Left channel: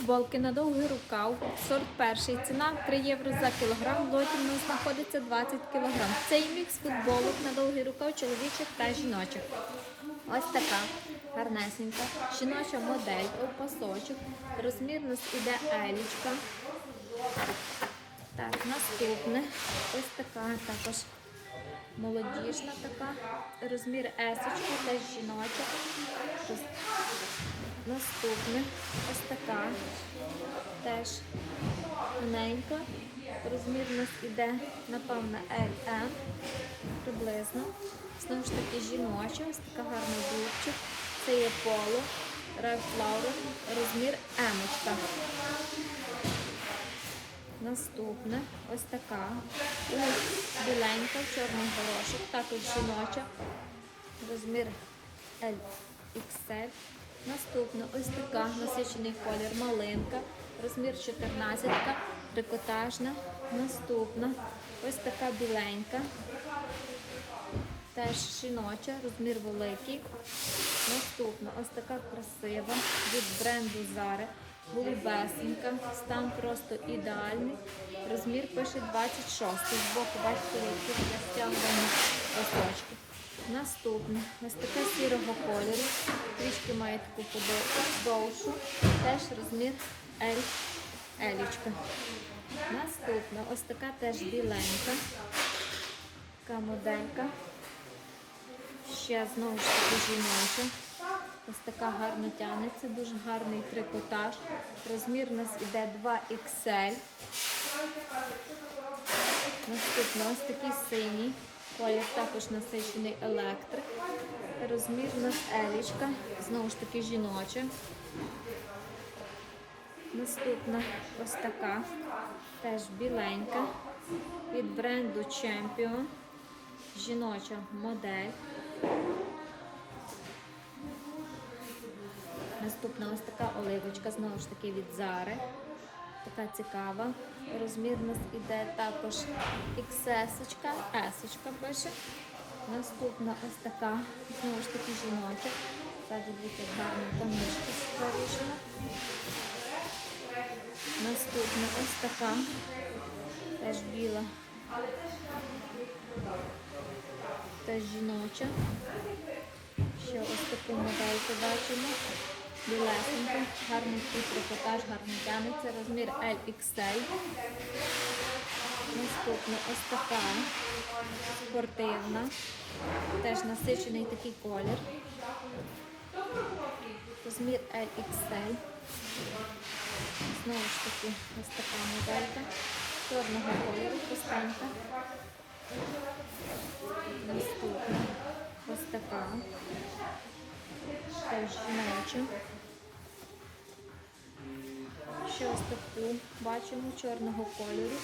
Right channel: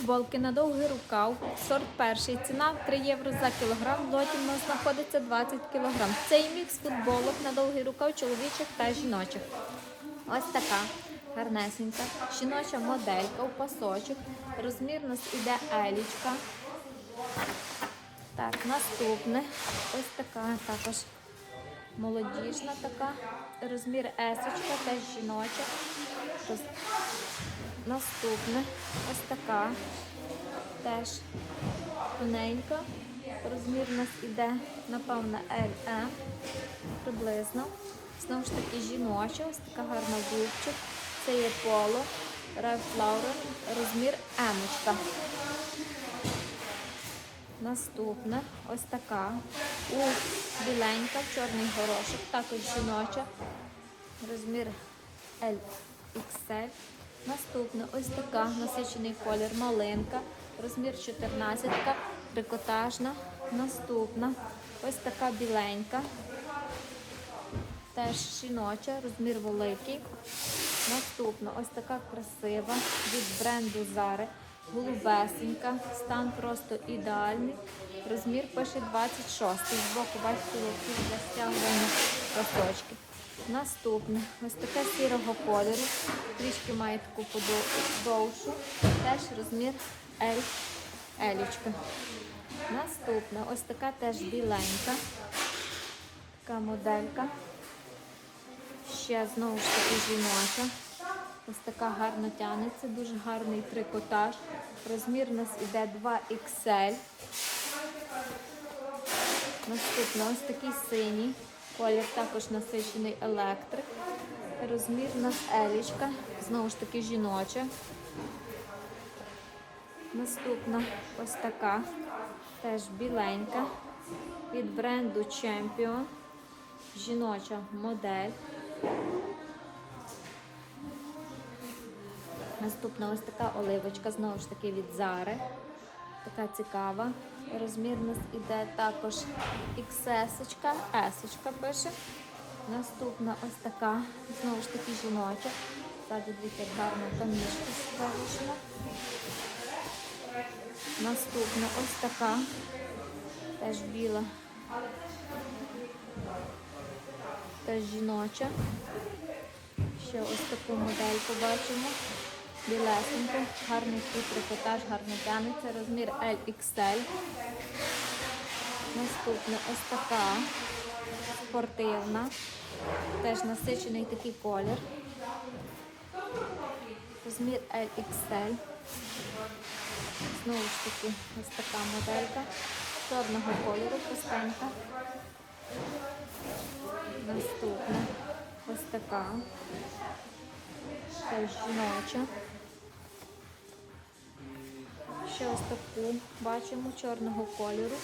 Футболки на довгий рукав, сорт перший, ціна 3 євро за кілограм, лоті в нас знаходиться 20 кілограм. Це і мікс футболок на довгий рукав чоловічих та жіночих. Ось така гарнесенька, жіноча моделька у пасочок, розмір у нас іде елічка. Так, наступне, ось така також молодіжна така, розмір есочка, теж жіноча. Наступне ось така, теж тоненька. Розмір у нас іде, напевно, LM приблизно. Знову ж таки жіноча, ось така гарна дубчик. Це є поло, Ralph Lauren, розмір емочка. Наступне ось така. У біленька, в чорний горошок, також жіноча. Розмір LXL. Наступна ось така насичений колір малинка, розмір 14, трикотажна. Наступна ось така біленька, теж жіноча, розмір великий. Наступна ось така красива від бренду Zara, голубесенька, стан просто ідеальний. Розмір пише 26. Збоку бачите, які для стягування листочки. Наступне, ось така сірого кольору, трішки має таку подов- довшу, теж розмір L, Елічка. Наступна, ось така теж біленька, така моделька. Ще знову ж таки жіноча. Ось така гарна тянеться, дуже гарний трикотаж. Розмір у нас іде 2XL. Наступно ось такий синій. Колір також насичений електрик. Розмір у елічка. Знову ж таки жіноча. Наступна ось така. Теж біленька. Від бренду Champion. Жіноча модель. Наступна ось така оливочка, знову ж таки від Зари. Така цікава. Розмір у нас іде також XS, S пише. Наступна ось така, знову ж таки жіноча. Ззаді дивіться, гарна камішка скорішна. Наступна ось така, теж біла. Теж жіноча. Ще ось таку модельку бачимо. Білесенька, гарний трикотаж, гарно тянеться, розмір LXL. Наступна ось така спортивна, теж насичений такий колір. Розмір LXL. Знову ж таки, ось така моделька. Чорного кольору, пустанка. Наступна ось така. Теж жіноча. Ще ось таку бачимо чорного кольору.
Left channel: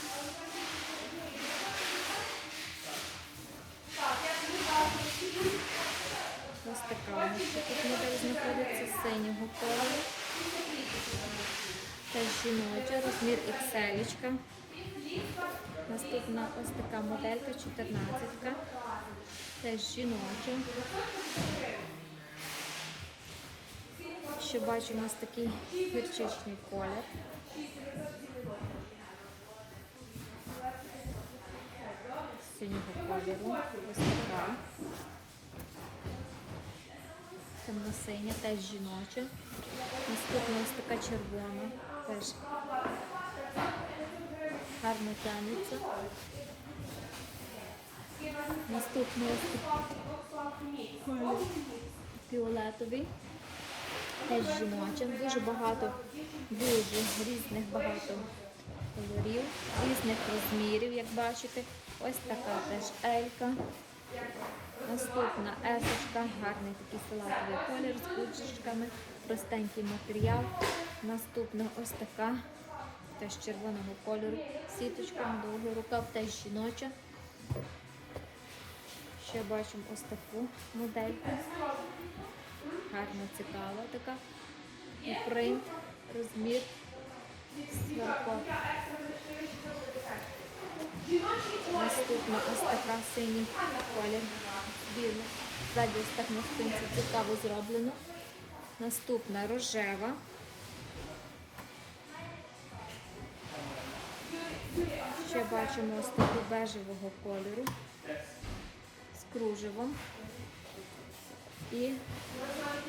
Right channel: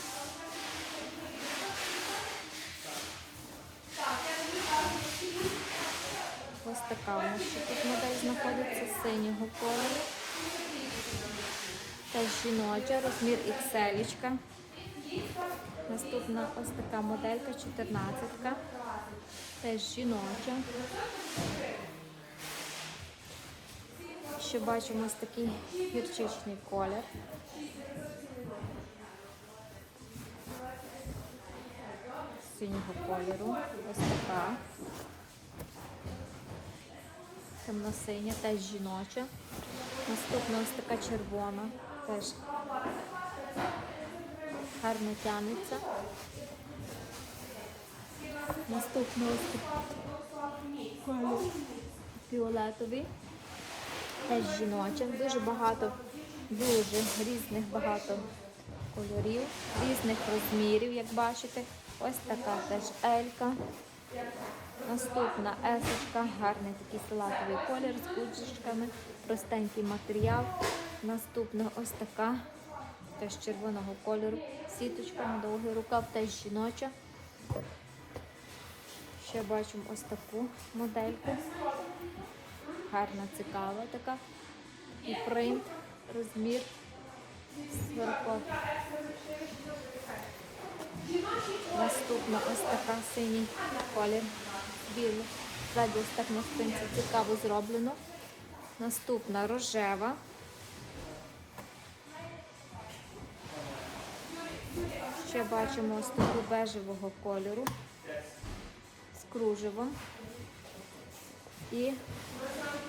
Ось така тут модель знаходиться синього кольору. Теж жіноча, розмір XL. Наступна ось така моделька 14. Теж жіноча. Ще бачимо ось такий гірчичний колір. Синього кольору. Ось така. Темно-синя, теж жіноча. Наступна ось така червона, теж гарно тягнеться. Наступна ось такий фіолетовий. Теж жіночим, дуже багато, дуже різних багато кольорів, різних розмірів, як бачите. Ось така теж елька. Наступна есочка, гарний такий салатовий колір з кучечками, простенький матеріал. Наступна ось така, теж червоного кольору, сіточка на довгий рукав, теж жіноча. Ще бачимо ось таку модельку гарна, цікава така. І принт, розмір. Сверху. Наступна ось така синій колір. Білий. Ззаді ось так на спинці цікаво зроблено. Наступна рожева. Ще бачимо ось таку бежевого кольору з кружевом. І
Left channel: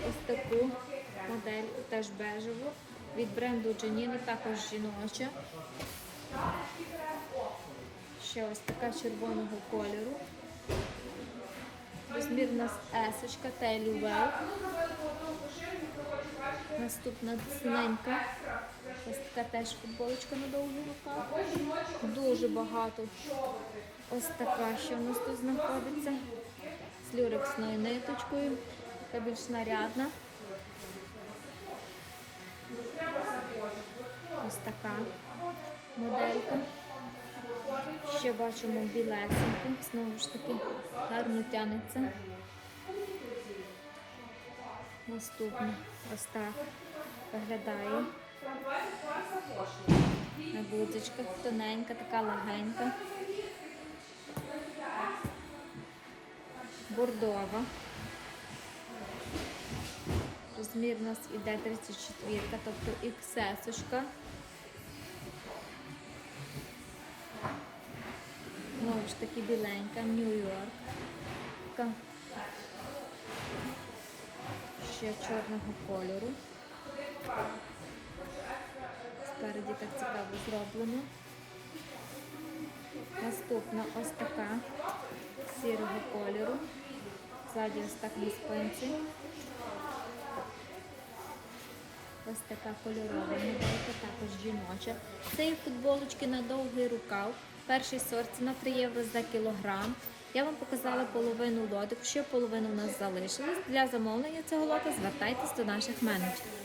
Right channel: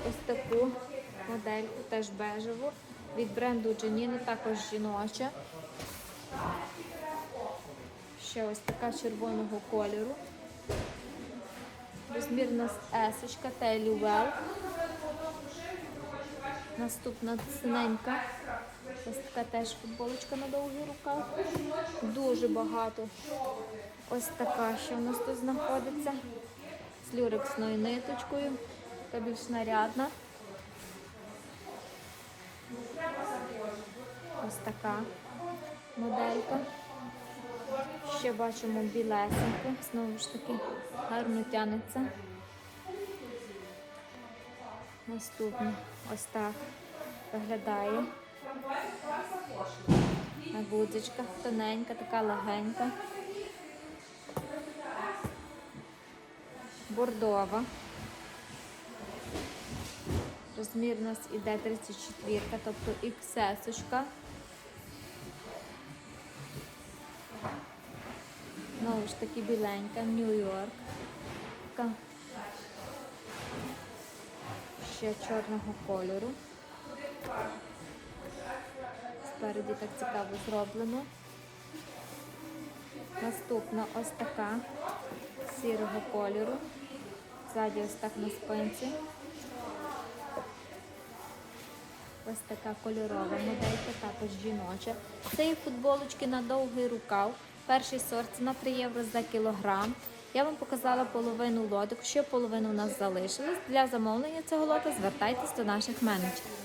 ось таку модельку теж бежеву від бренду Джаніни, також жіноча. Ще ось така червоного кольору. Розмір у нас есочка Тейлі Well. Наступна синенька. Ось така теж футболочка на довгий рукав. Дуже багато. Ось така, що у нас тут знаходиться. З люрексною ниточкою. Така більш нарядна. Ось така моделька. Ще бачимо білесеньку. Знову ж таки гарно тянеться. Наступне ось так виглядає. На тоненька, така легенька. Бордова. Розмір у нас іде 34, тобто XS. Знову ж таки біленька, Нью-Йорк. Ще чорного кольору. Спереді так цікаво зроблено. Наступна ось така сірого кольору. Ззаді ось так на спинці. Ось така кольорова моделька, також жіноча. Це є футболочки на довгий рукав. Перший сорт ціна 3 євро за кілограм. Я вам показала половину лоток, ще половину у нас залишилось. Для замовлення цього лота звертайтесь до наших менеджерів.